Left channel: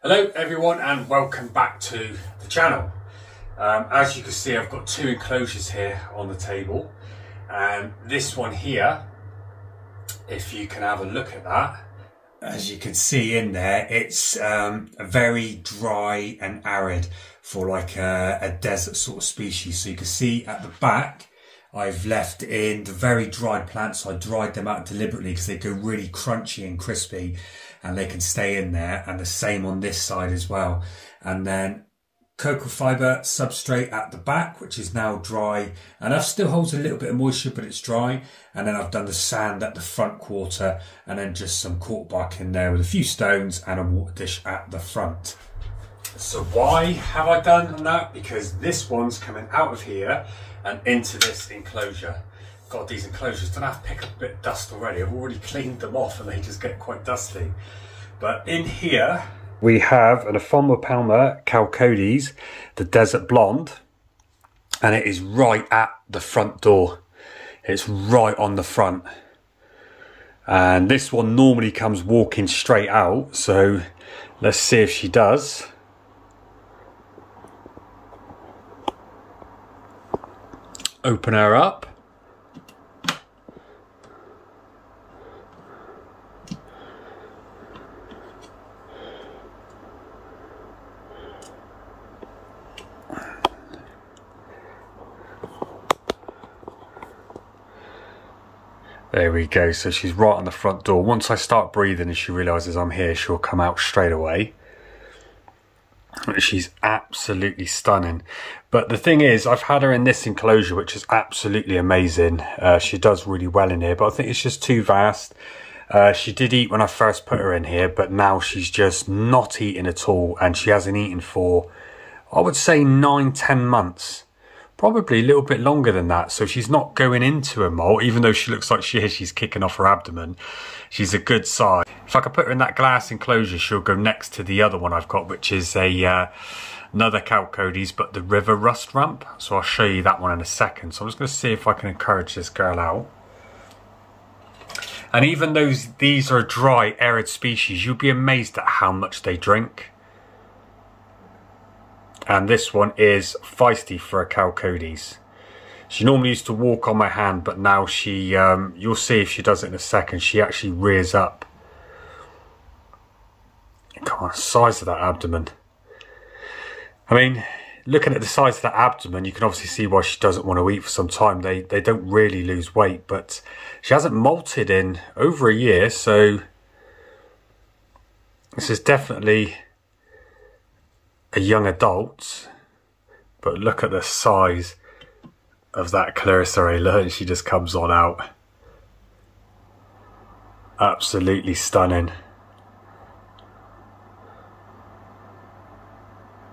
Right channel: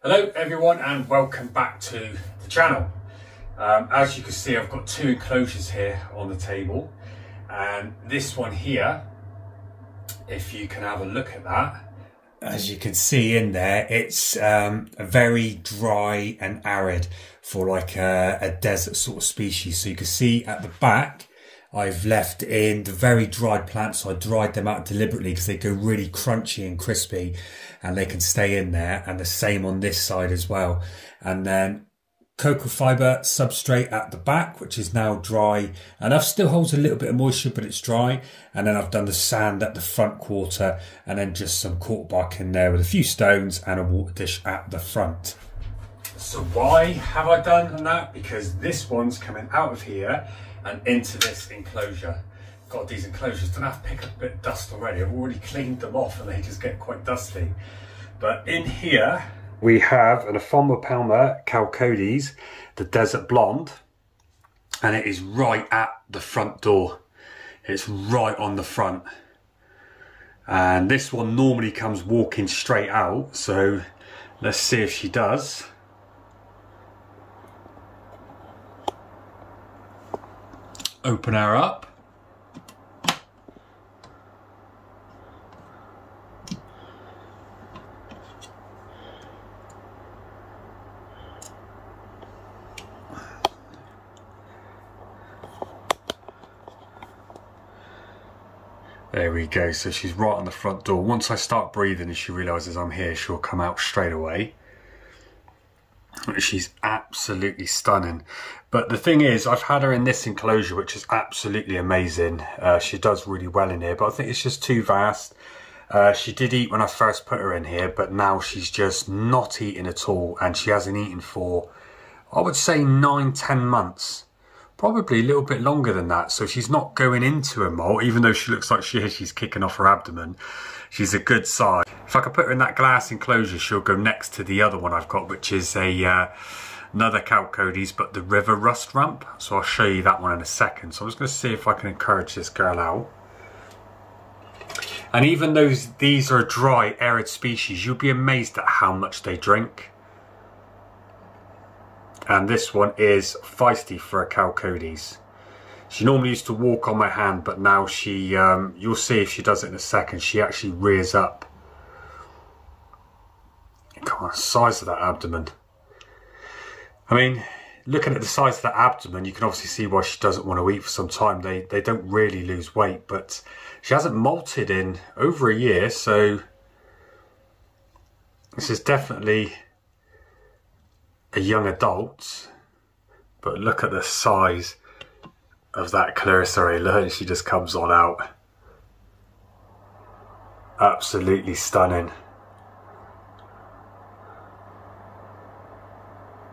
Hello everyone and welcome back to the channel. As you can see, I've got two enclosures here on the table, and this one here, if you can have a look at that, as you can see in there, it's very dry and arid for like a desert sort of species. So you can see at the back I've left in the very dried plants. So I dried them out deliberately because they go really crunchy and crispy and they can stay in there, and the same on this side as well. And then cocoa fibre substrate at the back, which is now dry, and I've still holds a little bit of moisture, but it's dry. And then I've done the sand at the front quarter, and then just some cork bark in there with a few stones and a water dish at the front. So why have I done that? Because this one's coming out of here and into this enclosure. God, these enclosures don't have to pick up a bit of dust already. I've already cleaned them off and they just get quite dusty. But in here we have an Aphonopelma Chalcodes, the Desert Blonde, and it is right at the front door. It's right on the front. And this one normally comes walking straight out, so let's see if she does. Open her up. There we go, so she's right on the front door. Once I start breathing and she realises I'm here, she'll come out straight away. She's absolutely stunning. But the thing is, I've had her in this enclosure, which is absolutely amazing. She does really well in here, but I think it's just too vast. She did eat when I first put her in here, but now she's just not eating at all, and she hasn't eaten for, I would say, 9-10 months. Probably a little bit longer than that. So she's not going into a molt, even though she looks like she is. She's kicking off her abdomen. She's a good size. If I could put her in that glass enclosure, she'll go next to the other one I've got, which is a another Chalcodes, but the river rust rump. So I'll show you that one in a second. So I'm just going to see if I can encourage this girl out. And even though these are a dry, arid species, you'll be amazed at how much they drink. And this one is feisty for a Chalcodes. She normally used to walk on my hand, but now she, you'll see if she does it in a second, she actually rears up. Come on, the size of that abdomen. I mean, looking at the size of that abdomen, you can obviously see why she doesn't want to eat for some time. They don't really lose weight, but she hasn't molted in over a year, so this is definitely a young adult. But look at the size of that clerestory. Look, she just comes on out. Absolutely stunning.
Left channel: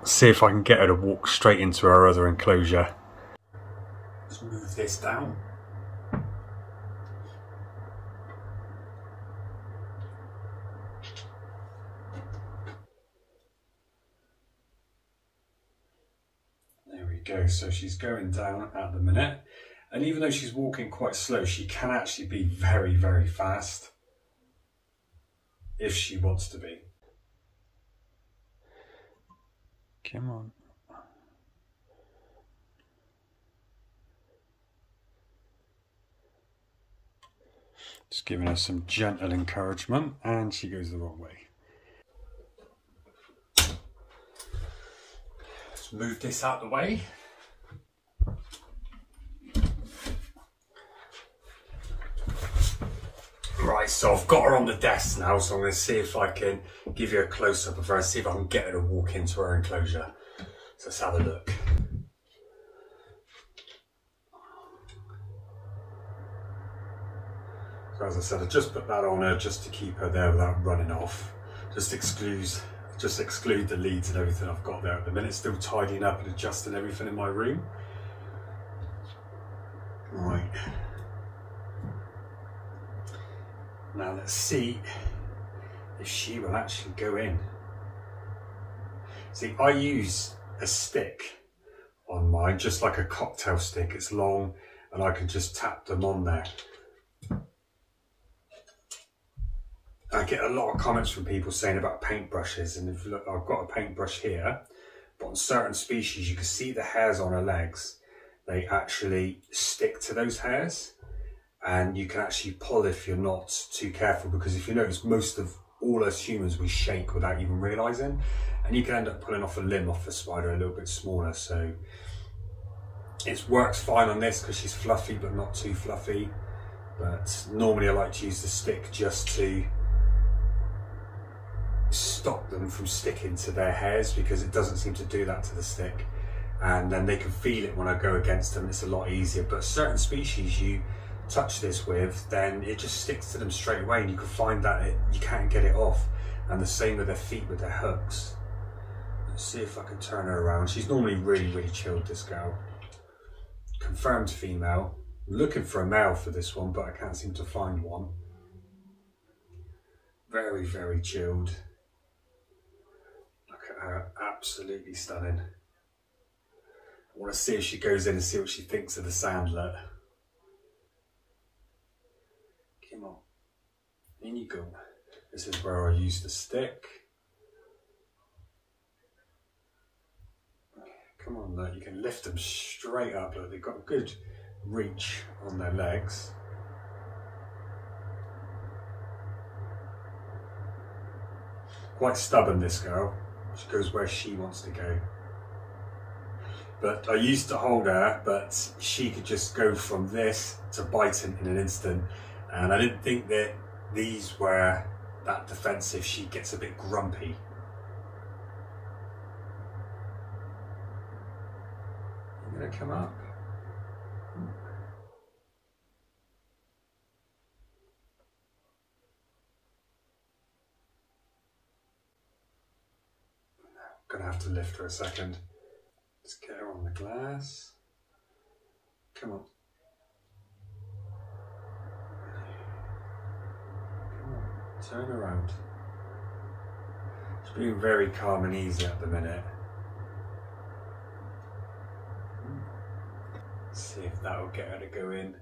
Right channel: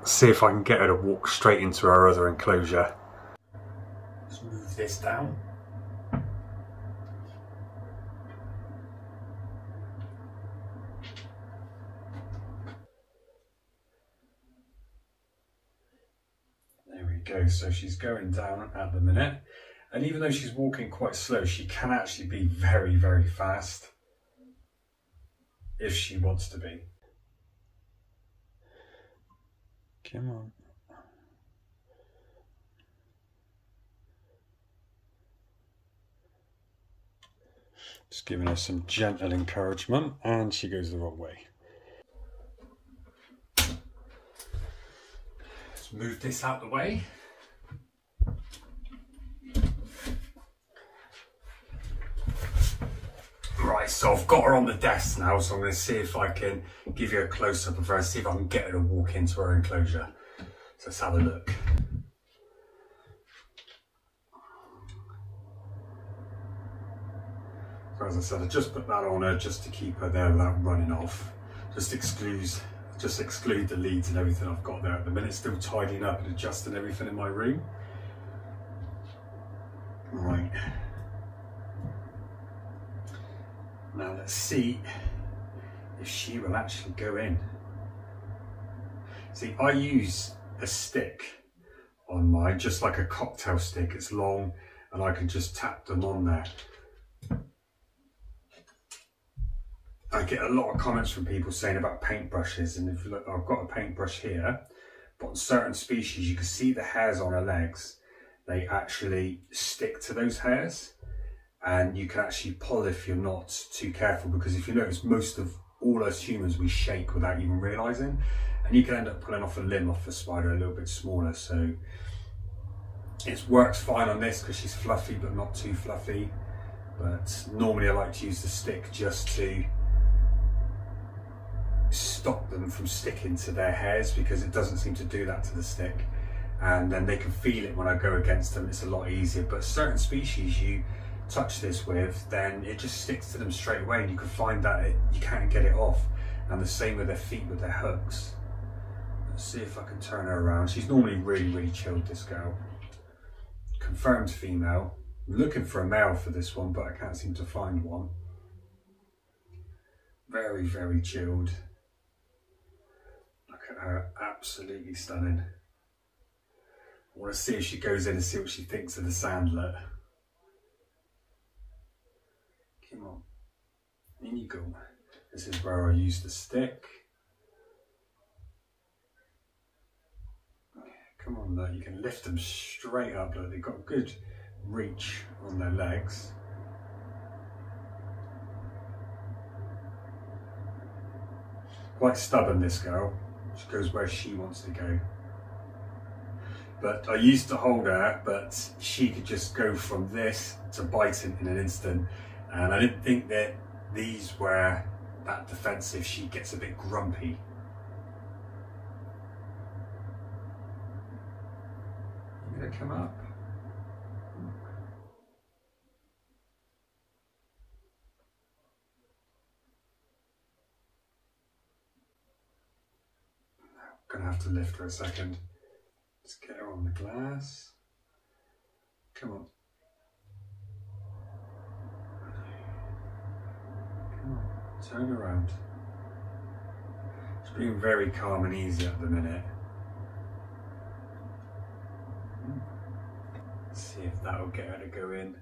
See if I can get her to walk straight into her other enclosure. Let's move this down. Go. So she's going down at the minute, and even though she's walking quite slow, she can actually be very, very fast if she wants to be. Come on. Just giving her some gentle encouragement, and she goes the wrong way. Let's move this out the way. Right, so I've got her on the desk now, so I'm going to see if I can give you a close-up of her and see if I can get her to walk into her enclosure. So let's have a look. So as I said, I just put that on her just to keep her there without running off. Just exclude the leads and everything I've got there at the minute. Still tidying up and adjusting everything in my room. Right. Now let's see if she will actually go in. See, I use a stick on mine, just like a cocktail stick. It's long and I can just tap them on there. get a lot of comments from people saying about paintbrushes, and if you look, I've got a paintbrush here, but on certain species you can see the hairs on her legs, they actually stick to those hairs, and you can actually pull if you're not too careful, because if you notice, most of all us humans, we shake without even realising, and you can end up pulling off a limb off the spider a little bit smaller. So it works fine on this because she's fluffy but not too fluffy, but normally I like to use the stick just to stop them from sticking to their hairs, because it doesn't seem to do that to the stick, and then they can feel it when I go against them. It's a lot easier. But certain species you touch this with, then it just sticks to them straight away, and you can find that you can't get it off. And the same with their feet with their hooks. Let's see if I can turn her around. She's normally really chilled, this girl. Confirmed female. I'm looking for a male for this one, but I can't seem to find one. Very chilled. Look at her, absolutely stunning. I want to see if she goes in and see what she thinks of the sandlet. Come on, in you go. This is where I use the stick. Come on, look, you can lift them straight up. Look, they've got good reach on their legs. Quite stubborn, this girl. She goes where she wants to go. But I used to hold her, but she could just go from this to biting in an instant. And I didn't think that these were that defensive. She gets a bit grumpy. You gonna come up? I'm gonna have to lift her a second. Let's get her on the glass. Come on. Come on, turn around. She's being very calm and easy at the minute. Let's see if that'll get her to go in.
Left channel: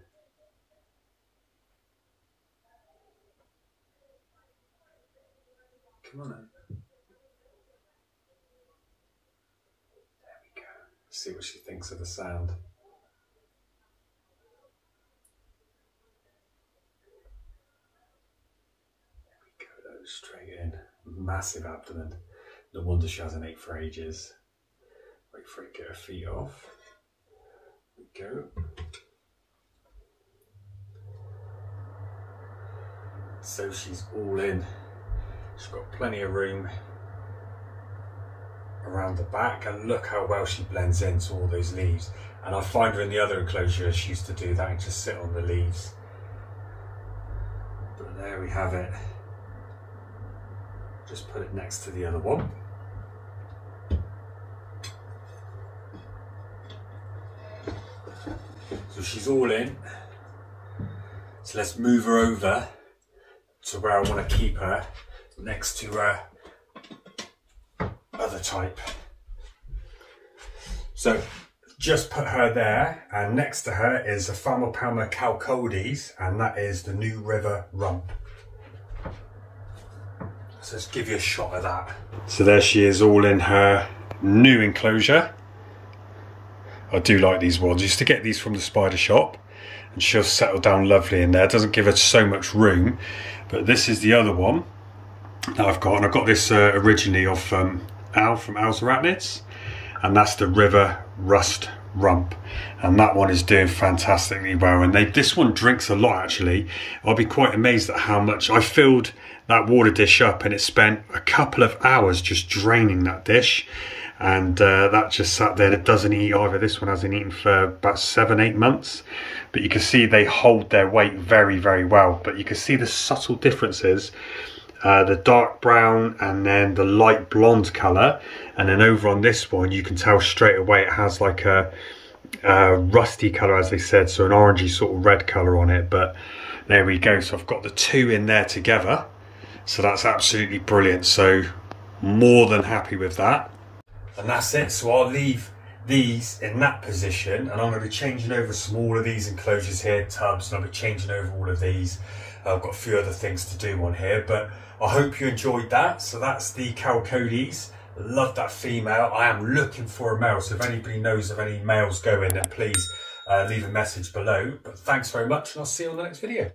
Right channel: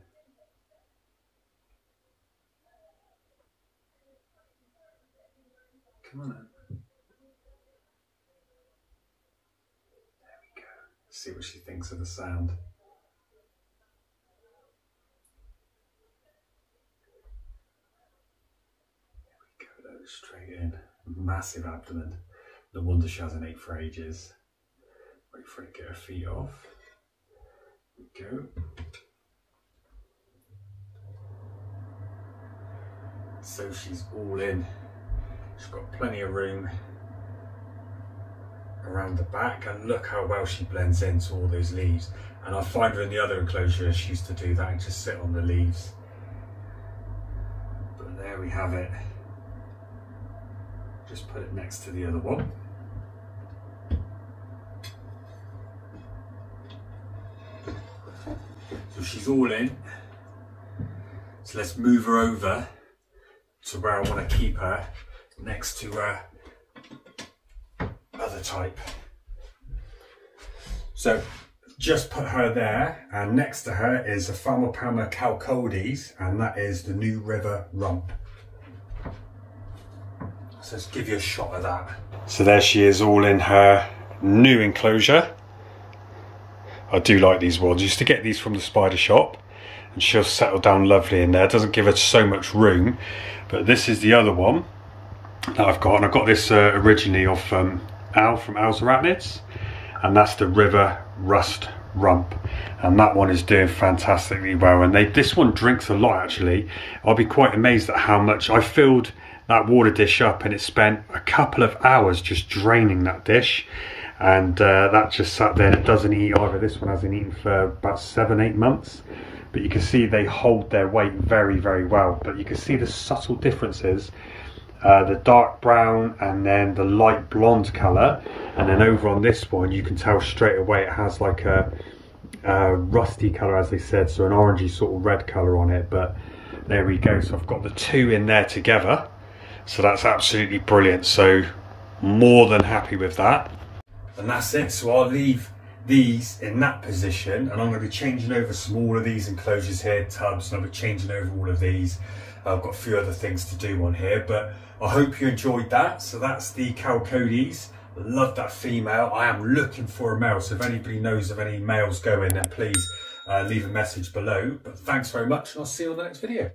Come on in. See what she thinks of the sound. There we go, straight in. Massive abdomen. No wonder she hasn't ate for ages. Wait for her to get her feet off. There we go. So she's all in. She's got plenty of room around the back, and look how well she blends into all those leaves. And I find her in the other enclosure, she used to do that and just sit on the leaves. But there we have it. Just put it next to the other one. So she's all in. So let's move her over to where I want to keep her, next to her other type. So just put her there, and next to her is Aphonopelma Chalcodes, and that is the New River rump. So let's give you a shot of that. So there she is, all in her new enclosure. I do like these ones. I used to get these from the spider shop, and she'll settle down lovely in there. It doesn't give her so much room, but this is the other one that I've got, and I got this originally off Al from Al's Arachnids, and that's the River Rust rump, and that one is doing fantastically well. And this one drinks a lot, actually. I'll be quite amazed at how much. I filled that water dish up, and it spent a couple of hours just draining that dish, and that just sat there, and it doesn't eat either. This one hasn't eaten for about 7-8 months, but you can see they hold their weight very well. But you can see the subtle differences. The dark brown and then the light blonde colour, and then over on this one you can tell straight away it has like a rusty colour, as they said, so an orangey sort of red colour on it. But there we go, so I've got the two in there together, so that's absolutely brilliant. So more than happy with that, and that's it. So I'll leave these in that position, and I'm going to be changing over some all of these enclosures here, tubs, and I'll be changing over all of these. I've got a few other things to do on here, but I hope you enjoyed that. So that's the Chalcodes. Love that female. I am looking for a male, so if anybody knows of any males going, then please leave a message below. But thanks very much, and I'll see you on the next video.